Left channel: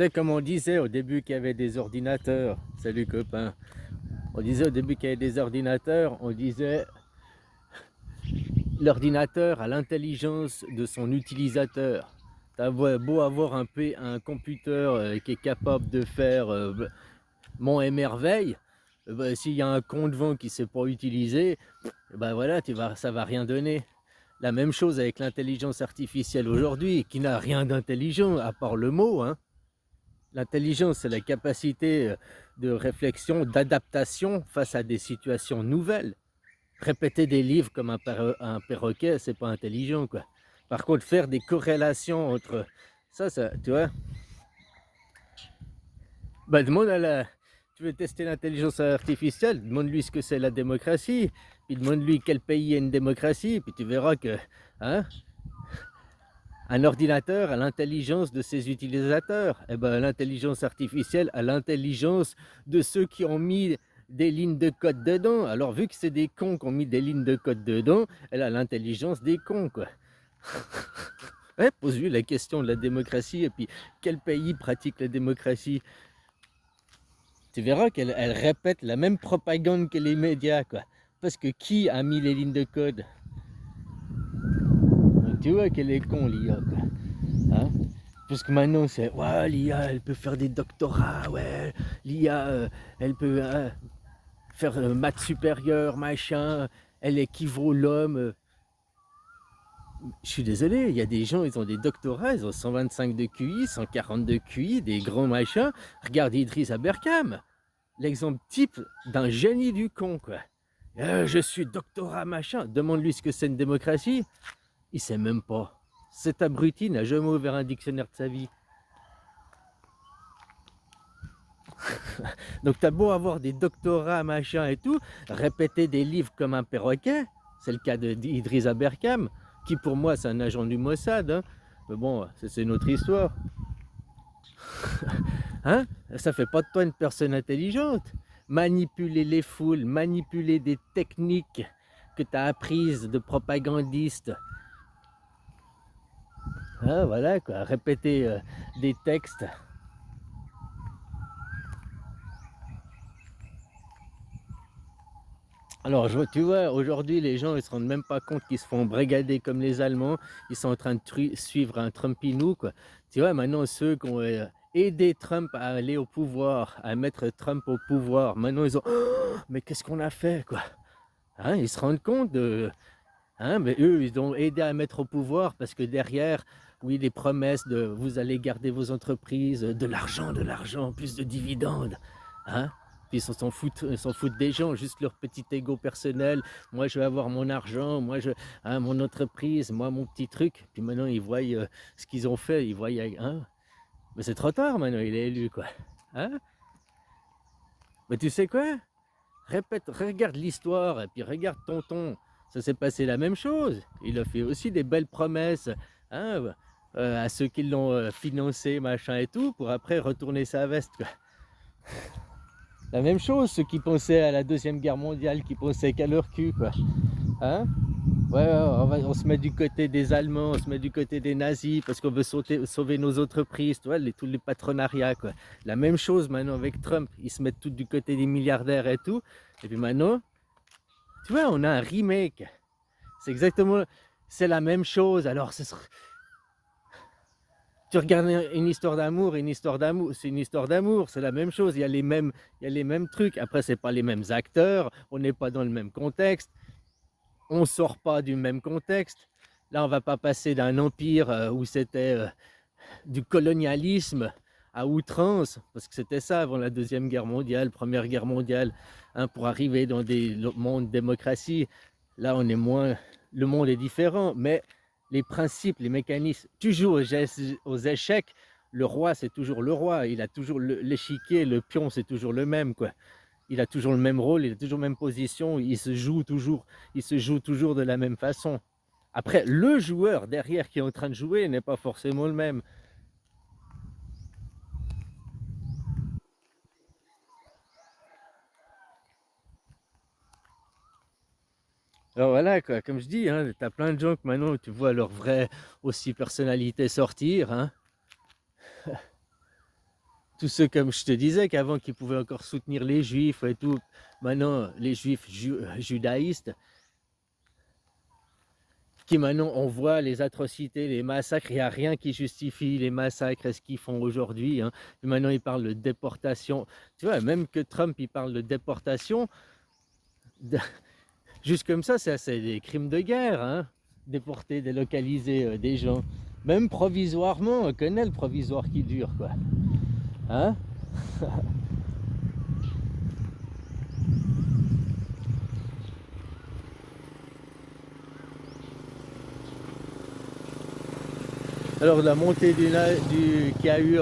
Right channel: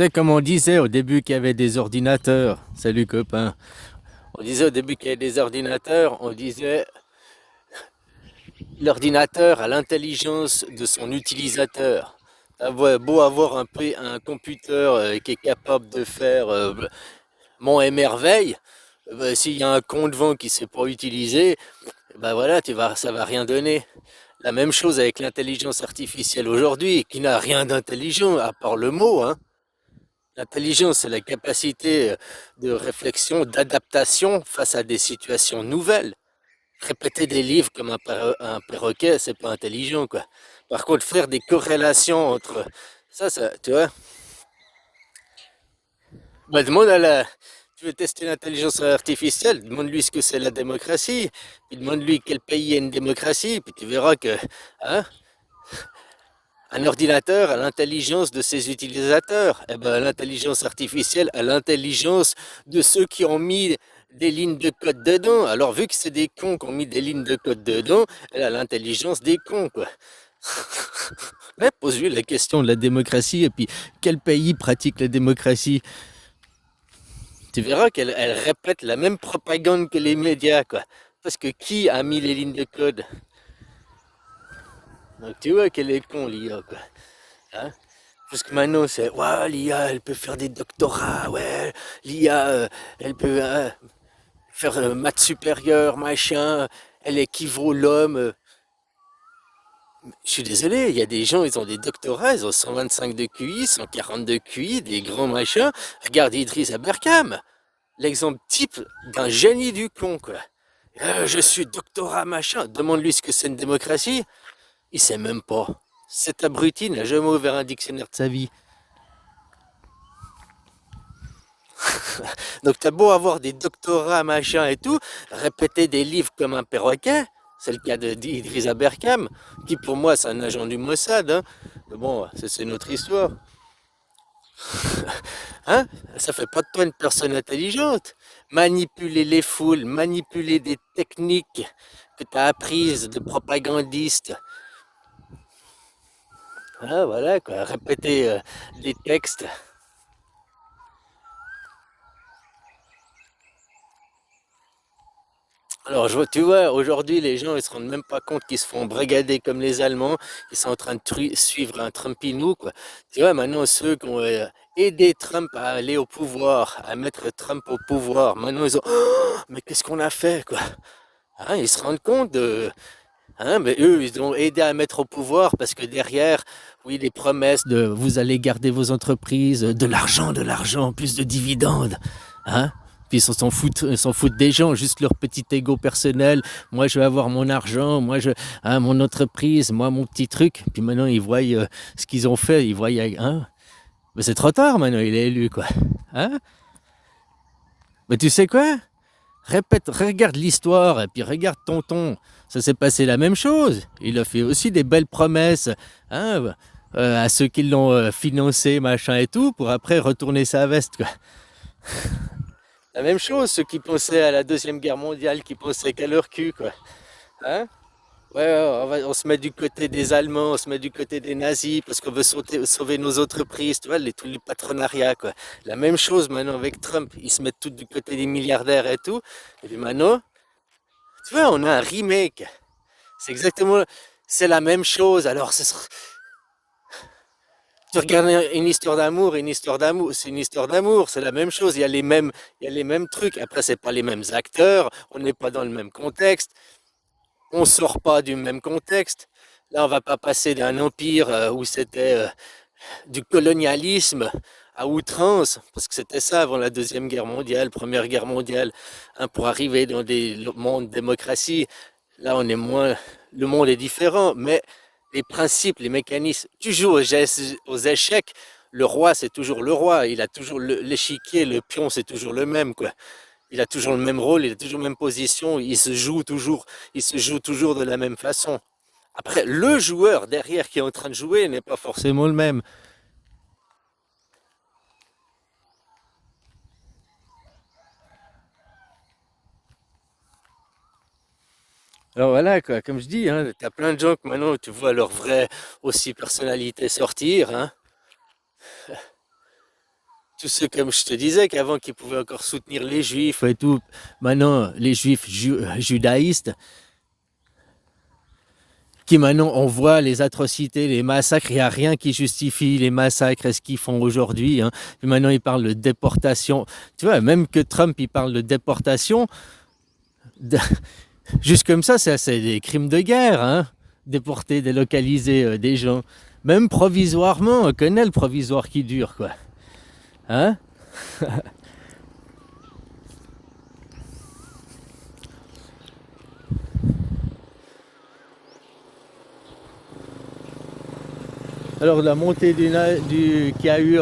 sais, comme on disait au début qu'il y avait des ordinateurs, salut copain, on disait au début qu'il y avait des ordinateurs, on disait l'ordinateur a l'intelligence de son utilisateur. T'as beau avoir un computer qui est capable de faire mon émerveille, s'il y a un con devant qui ne sait pas utiliser, ben voilà, ça va rien donner. La même chose avec l'intelligence artificielle aujourd'hui, qui n'a rien d'intelligent à part le mot, hein. L'intelligence, c'est la capacité de réflexion, d'adaptation face à des situations nouvelles. Répéter des livres comme un perroquet, c'est pas intelligent, quoi. Par contre, faire des corrélations entre ça, tu vois, bah, demande à la. Tu veux tester l'intelligence artificielle, demande-lui ce que c'est la démocratie, puis demande-lui quel pays est une démocratie, puis tu verras que, hein, un ordinateur a l'intelligence de ses utilisateurs. Eh ben, l'intelligence artificielle a l'intelligence de ceux qui ont mis des lignes de code dedans. Alors, vu que c'est des cons qui ont mis des lignes de code dedans, elle a l'intelligence des cons, quoi. Ouais, pose-lui la question de la démocratie et puis quel pays pratique la démocratie. Tu verras qu'elle répète la même propagande que les médias, quoi. Parce que qui a mis les lignes de code? Donc, tu vois qu'elle est con, l'IA, quoi. Hein? Parce que maintenant, c'est ouais, l'IA, elle peut faire des doctorats, ouais, l'IA, elle peut faire maths supérieures, machin, elle équivaut l'homme. Je suis désolé, il y a des gens, ils ont des doctorats, ils ont 125 de QI, 140 de QI, des grands machins. Regarde Idriss Aberkam, l'exemple type d'un génie du con, quoi. Je suis doctorat, machin. Demande-lui ce que c'est une démocratie. Il sait même pas. Cet abruti n'a jamais ouvert un dictionnaire de sa vie. Donc t'as beau avoir des doctorats, machin et tout, répéter des livres comme un perroquet, c'est le cas d'Idriss Aberkam, qui pour moi c'est un agent du Mossad, hein. Mais bon, c'est notre histoire. Hein? Ça fait pas de toi une personne intelligente. Manipuler les foules, manipuler des techniques que tu as apprises de propagandistes. Hein, voilà quoi, répéter des textes. Alors, tu vois, aujourd'hui, les gens, ils se rendent même pas compte qu'ils se font brigader comme les Allemands. Ils sont en train de suivre un Trumpinou, quoi. Tu vois, maintenant, ceux qui ont aidé Trump à aller au pouvoir, à mettre Trump au pouvoir, maintenant, ils ont, oh, mais qu'est-ce qu'on a fait, quoi? Hein, ils se rendent compte de, hein, mais eux, ils ont aidé à mettre au pouvoir parce que derrière, oui, les promesses de vous allez garder vos entreprises, de l'argent, plus de dividendes. Hein? Puis ils s'en foutent des gens, juste leur petit ego personnel. Moi, je vais avoir mon argent, hein, mon entreprise, moi, mon petit truc. Puis maintenant, ils voient ce qu'ils ont fait. Ils voient, hein? Mais c'est trop tard maintenant, il est élu, quoi. Hein? Mais tu sais quoi? Répète, regarde l'histoire et puis regarde Tonton. Ça s'est passé la même chose. Il a fait aussi des belles promesses, hein, à ceux qui l'ont financé, machin et tout, pour après retourner sa veste, quoi. La même chose, ceux qui pensaient à la Deuxième Guerre mondiale, qui pensaient qu'à leur cul, quoi. Hein? Ouais, on se met du côté des Allemands, on se met du côté des nazis parce qu'on veut sauver nos entreprises, tu vois, tous les patronariats, quoi. La même chose maintenant avec Trump, ils se mettent tous du côté des milliardaires et tout. Et puis maintenant, tu vois, on a un remake. C'est exactement, c'est la même chose. Alors, tu regardes une histoire d'amour, c'est une histoire d'amour, c'est la même chose. Il y a les mêmes trucs. Après, c'est pas les mêmes acteurs, on n'est pas dans le même contexte. On sort pas du même contexte. Là, on va pas passer d'un empire où c'était du colonialisme à outrance, parce que c'était ça avant la Deuxième Guerre mondiale, Première Guerre mondiale, hein, pour arriver dans des mondes démocratie. Là, on est moins, le monde est différent, mais les principes, les mécanismes, tu joues aux échecs, le roi, c'est toujours le roi, il a toujours l'échiquier, le pion, c'est toujours le même, quoi. Il a toujours le même rôle, il a toujours la même position, il se joue toujours de la même façon. Après, le joueur derrière qui est en train de jouer n'est pas forcément le même. Alors voilà, quoi, comme je dis, hein, t'as plein de gens que maintenant tu vois leur vraie aussi personnalité sortir, hein. tous ceux, comme je te disais, qu'avant qui pouvaient encore soutenir les juifs et tout, maintenant les juifs judaïstes, qui maintenant on voit les atrocités, les massacres, il n'y a rien qui justifie les massacres et ce qu'ils font aujourd'hui. Hein. Et maintenant ils parlent de déportation. Tu vois, même que Trump il parle de déportation, de... juste comme ça, c'est des crimes de guerre. Hein. Déporter, délocaliser des gens. Même provisoirement, on connaît le provisoire qui dure, quoi. Hein. Alors la montée qu'il y a eu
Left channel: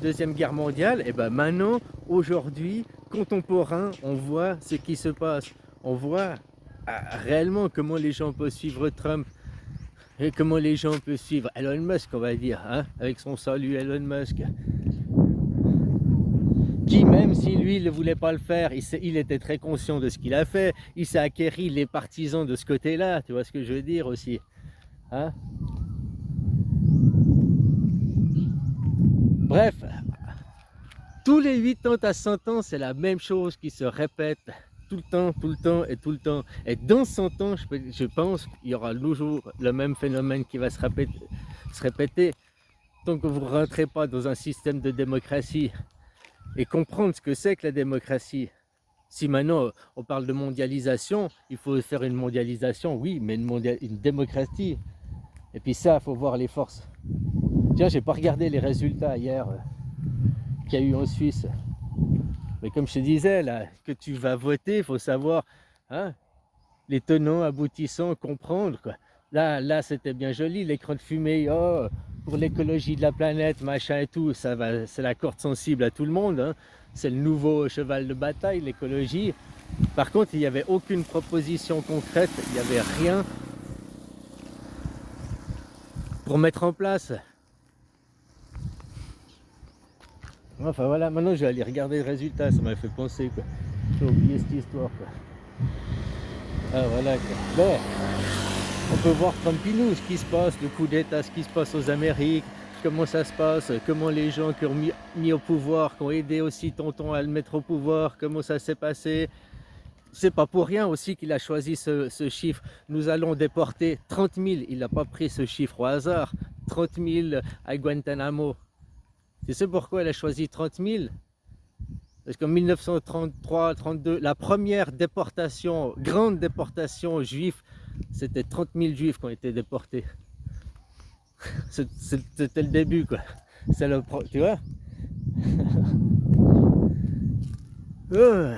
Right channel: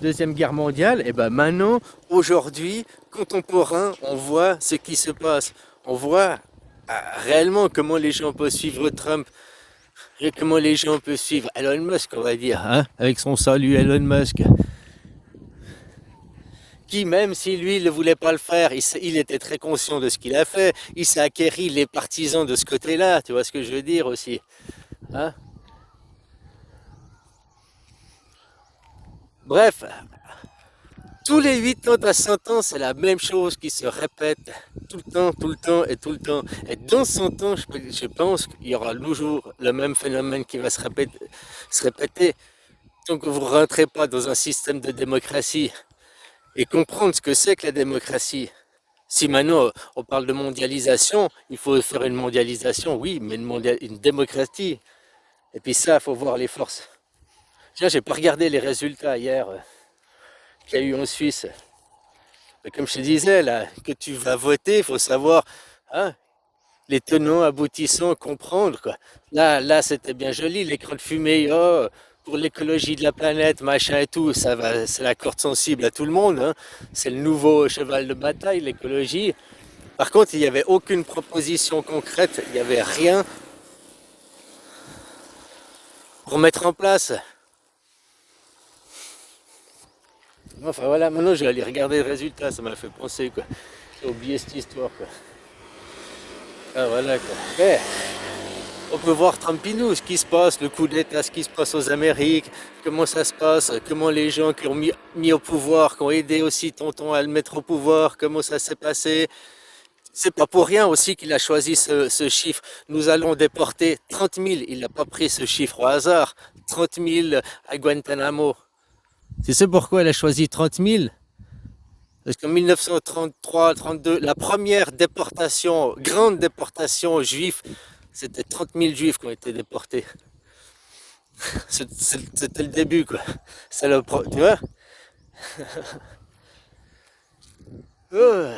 Deuxième Guerre mondiale, et ben maintenant, aujourd'hui, contemporain, on voit ce qui se passe. On voit réellement comment les gens peuvent suivre Trump et comment les gens peuvent suivre Elon Musk, on va dire, hein, avec son salut Elon Musk. Qui, même si lui ne voulait pas le faire, il était très conscient de ce qu'il a fait. Il s'est acquéri les partisans de ce côté-là, tu vois ce que je veux dire aussi. Hein. Bref, tous les 80 à 100 ans, c'est la même chose qui se répète tout le temps, tout le temps et tout le temps. Et dans 100 ans, je pense qu'il y aura toujours le même phénomène qui va se répéter. Tant que vous ne rentrez pas dans un système de démocratie et comprendre ce que c'est que la démocratie. Si maintenant on parle de mondialisation, il faut faire une mondialisation, oui, mais une démocratie. Et puis ça, il faut voir les forces. Tiens, j'ai pas regardé les résultats hier qu'il y a eu en Suisse. Mais comme je te disais, là, que tu vas voter, il faut savoir hein, les tenants, aboutissants, comprendre. Quoi. Là c'était bien joli, l'écran de fumée, oh, pour l'écologie de la planète, machin et tout, ça va, c'est la corde sensible à tout le monde. Hein. C'est le nouveau cheval de bataille, l'écologie. Par contre, il n'y avait aucune proposition concrète, il n'y avait rien pour mettre en place. Enfin voilà, maintenant je vais aller regarder le résultat, ça m'a fait penser quoi. J'ai oublié cette histoire quoi. Ah voilà quoi. Mais on peut voir Trumpinou, ce qui se passe, le coup d'état, ce qui se passe aux Amériques, comment ça se passe, comment les gens qui ont mis au pouvoir, qui ont aidé aussi Tonton à le mettre au pouvoir, comment ça s'est passé. C'est pas pour rien aussi qu'il a choisi ce chiffre. Nous allons déporter 30 000, il n'a pas pris ce chiffre au hasard, 30 000 à Guantanamo. Tu sais pourquoi elle a choisi 30 000? Parce qu'en 1933-32, la première déportation, grande déportation juive, c'était 30 000 juifs qui ont été déportés. C'était le début, quoi. C'est tu vois. Oh.